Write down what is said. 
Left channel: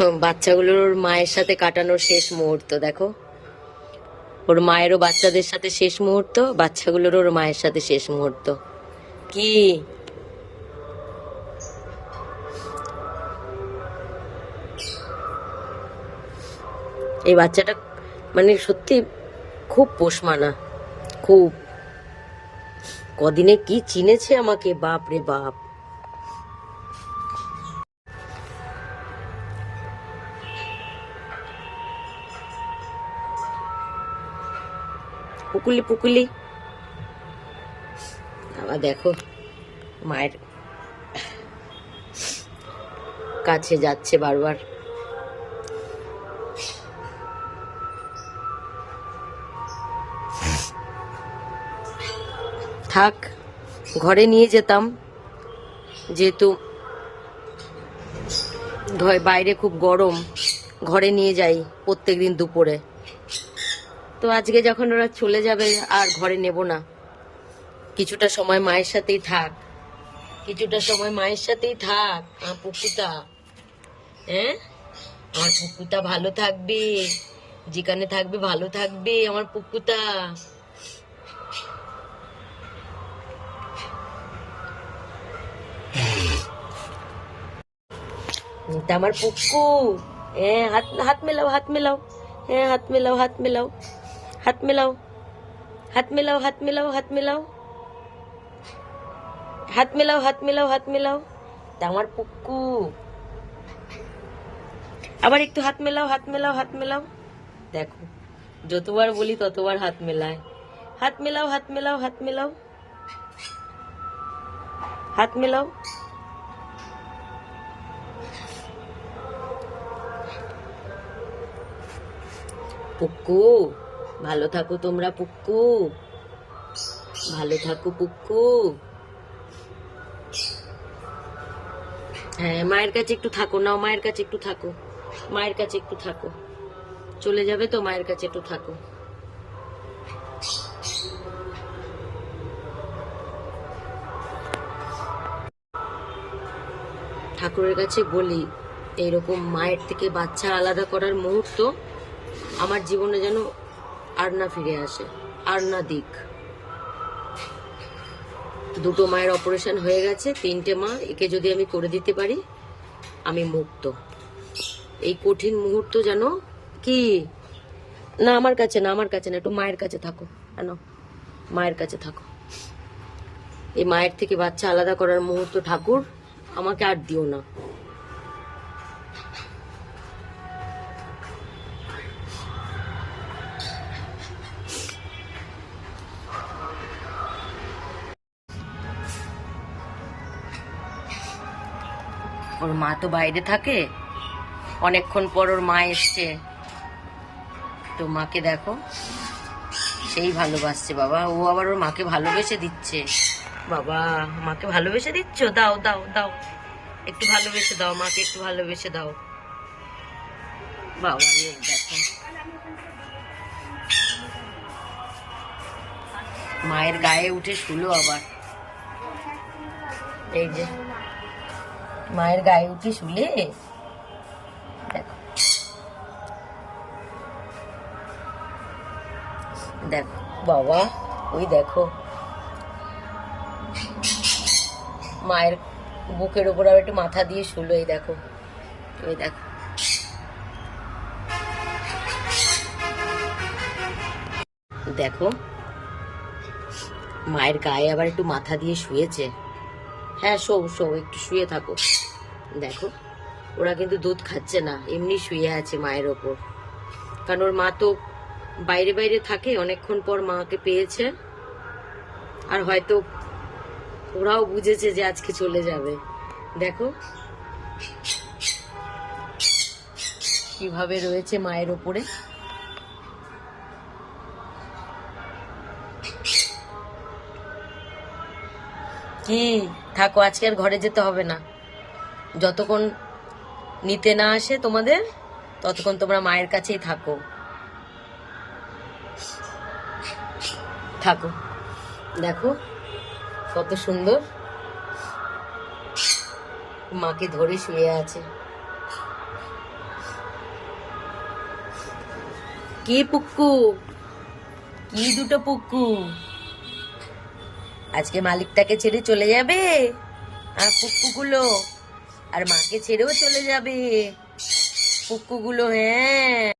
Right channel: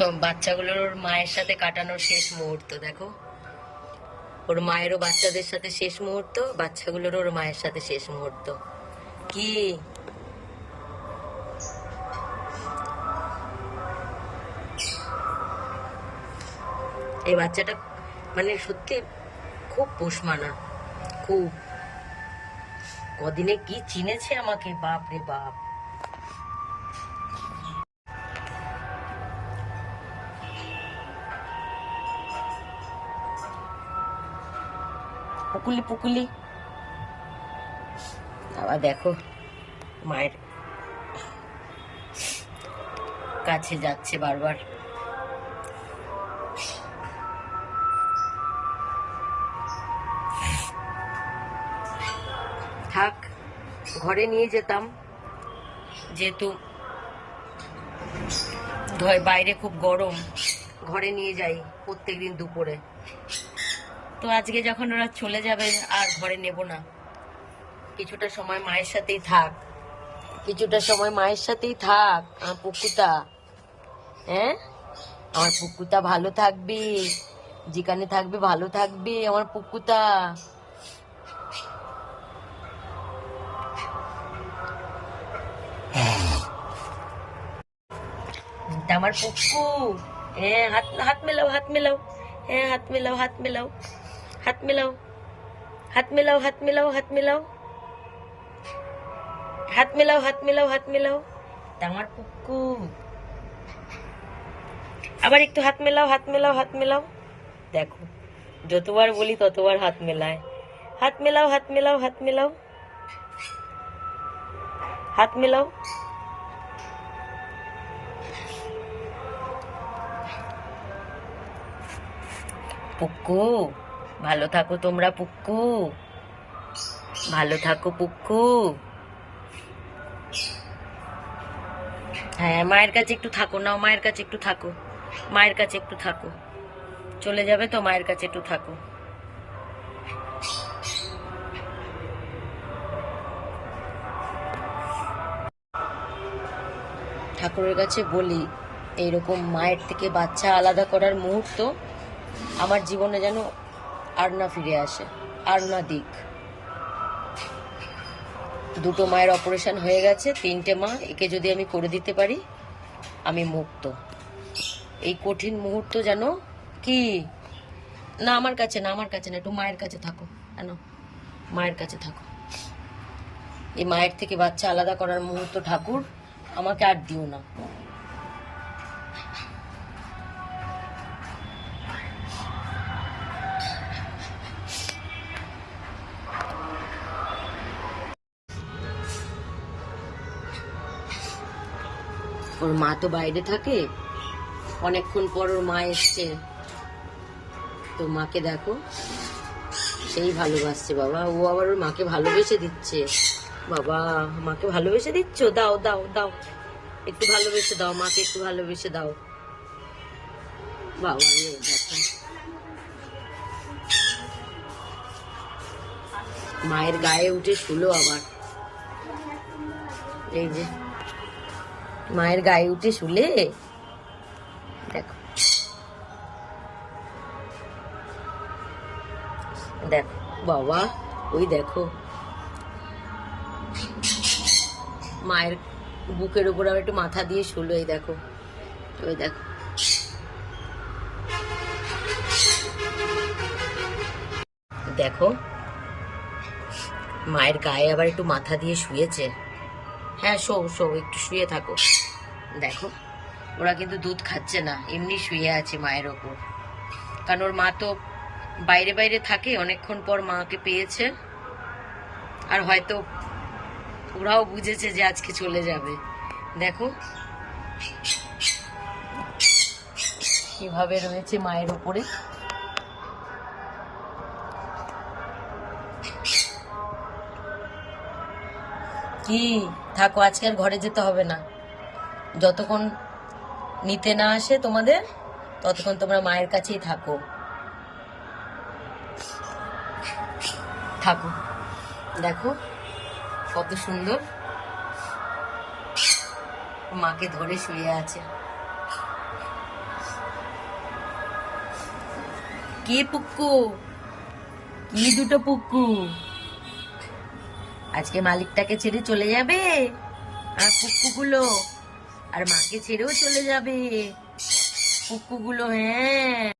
বাচ্চাগুলোর ওর মায়ের সাথে কাটানোর শেষ মুহূর্ত দেখো। ওর মায়েরও বাচ্চাদের সাথে শেষ মুহূর্ত, বাচ্চাগুলোর ওর মায়ের সাথে শেষ মুহূর্ত। কি এই বাচ্চাটা মানে সত্যি খুব পোষ মানা, খুব। কদিনে কি চিনেছে আমাকে, বাপ রে বাপ। পুকুলি পুকুলি আবার দেখো মায়ের কাছে যাচ্ছে বারবার। থাক, ঘরে নিয়ে যেতাম, যেহেতু বাইরে খুব গরম, ঘরে নিয়ে যাই প্রত্যেকদিন দুপুরে। তো আজকে যখন ওরা চলে যাবে আর ঘরে নেব না, কিছুটা সময় মায়ের সাথেই থাক, কিছুটা সময় মায়ের সাথেই থাক আমার পুকুটা। হ্যাঁ, আমার পুকুটা ভালো থাকবে, যেখানে থাকবে ভালো থাকবে আমার পুকুটা। আমার পুক্কু। হ্যাঁ, হাত হাত মেলাও, হাত মেলাও। হ্যাঁ, হাত মেলাও, হাত মেলাও, হাত মেলাও, হাত মেলাও, হাত মেলাও, হাত মেলাও, হাত মেলাও, হাত মেলাও, হাত মেলাও। আমার পুক্কু। আবার একটু হাত মেলাও, হাত মেলাও, হাত মেলাও। দেখো, যতবার বলি ততবার হাত মেলায়। হাত মেলাও, হাত মেলাও, হাত মেলাও, হাত মেলাও। পুক্কু, ভালো থাকো তোমরা পুক্কু, ভালো থাকো পুক্কু। হ্যাঁ, মায়ের কাছে একটু থাকো, নাও মায়ের কাছে একটু থাকো, মায়ের কাছে একটু থাকো। চলে যাবে তো, মায়ের কাছে একটু থাকো। ঠাকুরের কাছে বলি, এইরকম মায়ের থেকে বাচ্চা আলাদা করার মুহূর্ত আমার জীবনে যেন আর না ফিরে আসে, আর না দিক। দুটো মায়ের অপারেশন হয়ে গেছে, 3টে মা, একে যদি আমি করে দিতে পারি আমি মুক্ত। এই কঠিন মুহূর্ত যেন কি না, আমার কাছে না, আমার কাছে না, একটু মায়ের কাছে থাকো, কেন মায়ের কাছে থাকো। এই মায়ের থেকে বাচ্চা আলাদা করার মুহূর্ত ঠাকুর আমাকে আর দিও না। ওর মা তো বাইরে থাকে, অনেকক্ষণ পর ওর মা এসছে, তো মাকে দেখো সেই ভালোবাসছে বাবা। ও আবার ওর মাকে ভালোবেসে দিচ্ছে। বাবা, মাকে ভালোবেসে দিচ্ছ? দাও দাও দাও, একটু ভালোবেসে দাও মাকে, একটু ভালোবেসে দাও। বাবা রে, দেখো মায়ের গায়ে উঠে শুলো আবার। এই যে মায়ের গায়ে উঠে শুলে, দেখো দেখো বাবা, ওই দেখো মায়ের বুকের উপর আবার একটু মাথা দিয়ে শুলো। এই দেখো, ওই দেখো, দেখো মায়ের গায়ে আবার একটু মাথা দিয়ে শুয়েছে। হ্যাঁ, শো শো, একটু শুয়ে থাকো। দেখো, ওরা কিন্তু দুধ খাচ্ছে না, এমনি শুয়ে আছে মায়ের ওপর। কারণ ওর মা তো বাইরে বাইরে থাকে, অনেকক্ষণ পর মাকে পেয়েছে, আর হয়তো ওরাও বুঝেছে যে আজকে চলে যাবে। দেখো কিভাবে রয়েছে মায়ের ওপরে। কি থাকো, আজকে আর ঘরে যেতে হবে না। যতক্ষণ নিতে না আসে তোমাদের, ততক্ষণ তোমরা মায়ের কাছেই থাকো, থাকো। দেখো কত সুন্দর মাকে ধরে শুয়ে আছে। কি পুক্কু, কি দুটো পুক্কু আজকে মালিকটাকে ছেড়ে চলে যাবে? আর পুক্কুগুলো আর মাকে ছেড়েও চলে যাবে পুক্কুগুলো, হ্যাঁ।